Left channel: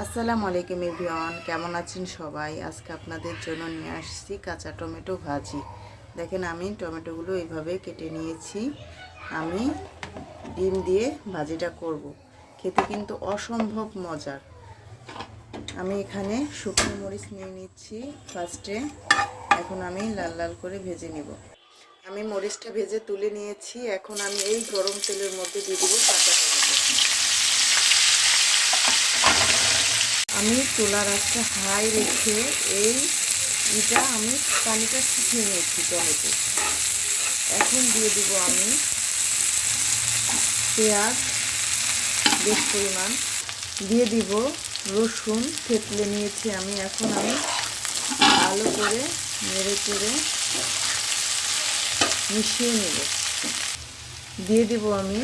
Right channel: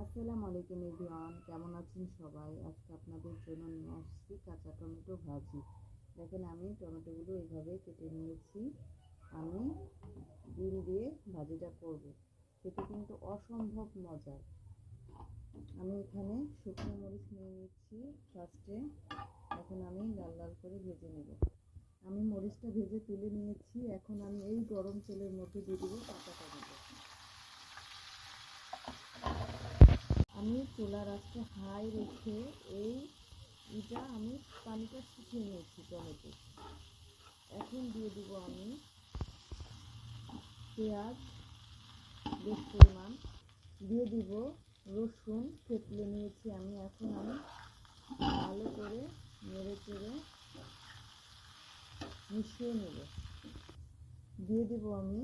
আসসালামু আলাইকুম এভরিওয়ান, কেমন আছেন সবাই? আজকে আপনাদের জন্য নিয়ে আসছি কাঁচা টমেটো ভাজি। দেখেন আমি টমেটোগুলো এইভাবে কেটে নিয়েছি। আমি ডিম দিয়ে ভাজিটা করব। খেতে কিন্তু অসম্ভব মজার। আমি এখানে শুকনো মরিচ নিয়ে নিচ্ছি ফার্স্টে। এখন আমি লাল লাল করে ভেজে নেব। আমি মরিচটা ভেজে তুলে নিয়েছি। এখন আমি এই গরম তেলের মধ্যে দিয়ে দেবো কাঁচা টমেটো। আমি চুলার আঁচটা হাই রেখে আমি পানিটা শুকিয়ে নিয়েছি টমেটো। এখন দিয়ে দেব আমি পেঁয়াজ বেশ পরিমাণ, দিয়ে দিব রসুন থেতলে নিয়েছি আমি। এখন আমি ভালো করে নেড়ে চেড়ে মিশিয়ে নেব। দিয়ে দিব আমি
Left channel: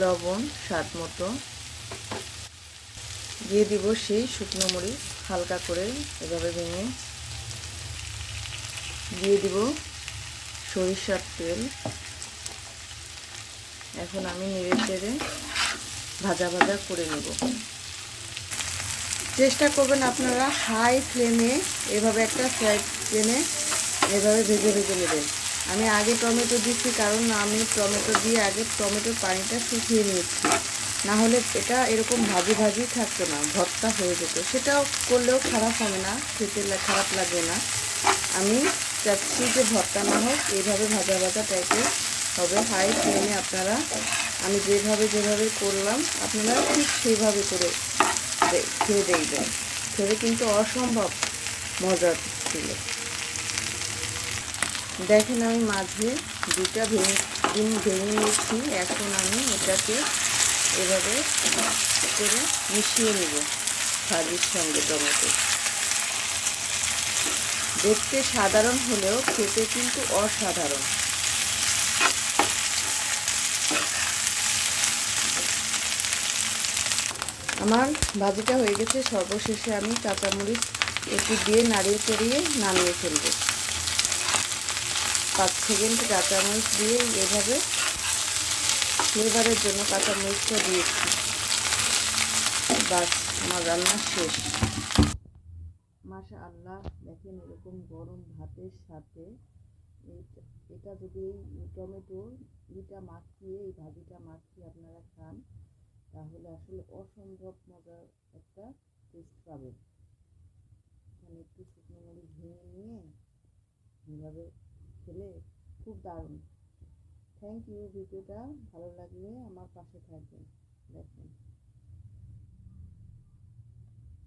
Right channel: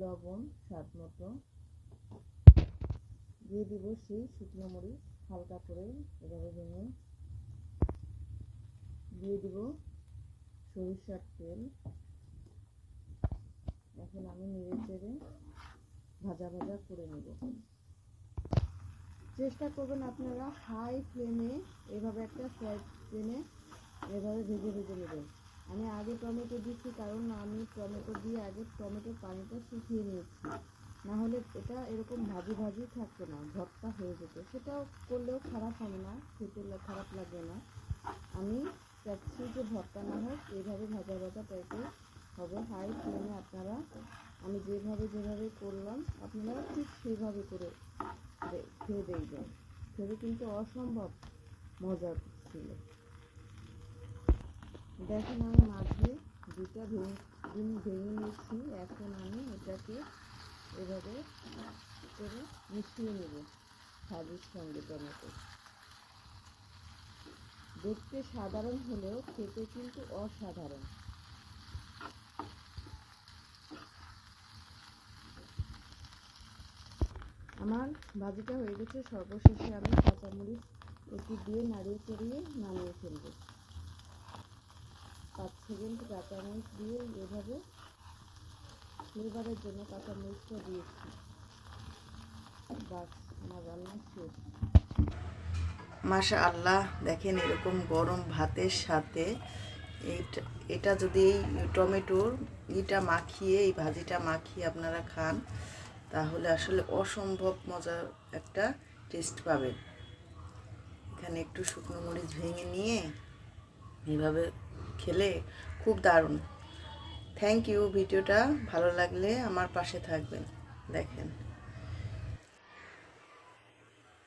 লবণ স্বাদ মতো, দিয়ে দিব সেই শুকনো মরিচ হালকা করে এভাবে ভেঙে, দিয়ে দিব সরিষার তেল। এখন আমি নেড়ে চেড়ে ভাজা ভাজা করে নেব। চেষ্টা করবেন আপনারা হাই ফ্লেমে এভাবে একটা ফ্রাই প্যানে এভাবে ভেজে ভেজে নেবেন। আমি আগে টমেটো দিচ্ছি কারণ আমি টমেটো দিয়ে আগে টমেটোর পানিটা শুকিয়ে নিয়েছি, না হলে এটা এরকম ভাজি ভাজি থাকতো না, ভর্তা হয়ে যেত। সেটাও করলেও খারাপ হবে না, খেতে খারাপ লাগবে না। আমি চাচ্ছি যে ভর্তা না হোক, এইভাবে ভাজা ভাজা টাইপের হবে। হাই ফ্লেমে আপনারা আমি যেভাবে করলাম আপনারা ঠিক সেইভাবে করে খেয়ে দেখবেন। খেতে কিন্তু অসম্ভব মজার ছিল। দেখেন আমি মাঝে দুটা ডিম ভেঙে নিয়েছি। এখন আমি এটাকে এভাবে করে মিশিয়ে নেব ভাজির সঙ্গে। টমেটো দেখতে সাধারণ হলেও খেতে কিন্তু অসাধারণ। আমার ভাজিটা হয়ে গেছে। সর্বশেষে আমি কাঁচামরিচ একটু দিয়ে নাড়িয়ে চড়িয়ে নামিয়ে ফেলব। 5 সেকেন্ড কাঁচামরিচ দিয়ে এভাবে ফ্লেভারের জন্য কাঁচামরিচটা দিয়েছি। বাস, আমার রান্না শেষ। মাশাআল্লাহ, দেখেন এরকম গরম ভাতের সাথে এটা যদি এই টমেটোর এই ভাজিটা মাখিয়ে আপনারা খান, তাহলে আসলে অসম্ভব মজার একটা টেস্ট পাবেন। এখানে একটু শুকনো মরিচ ভেঙে নিয়ে এইভাবে খেলে খুব দারুণ। Thank you. ভিডিওটা ভালো লাগলে আমার পাশে থাকবেন। দেখেন।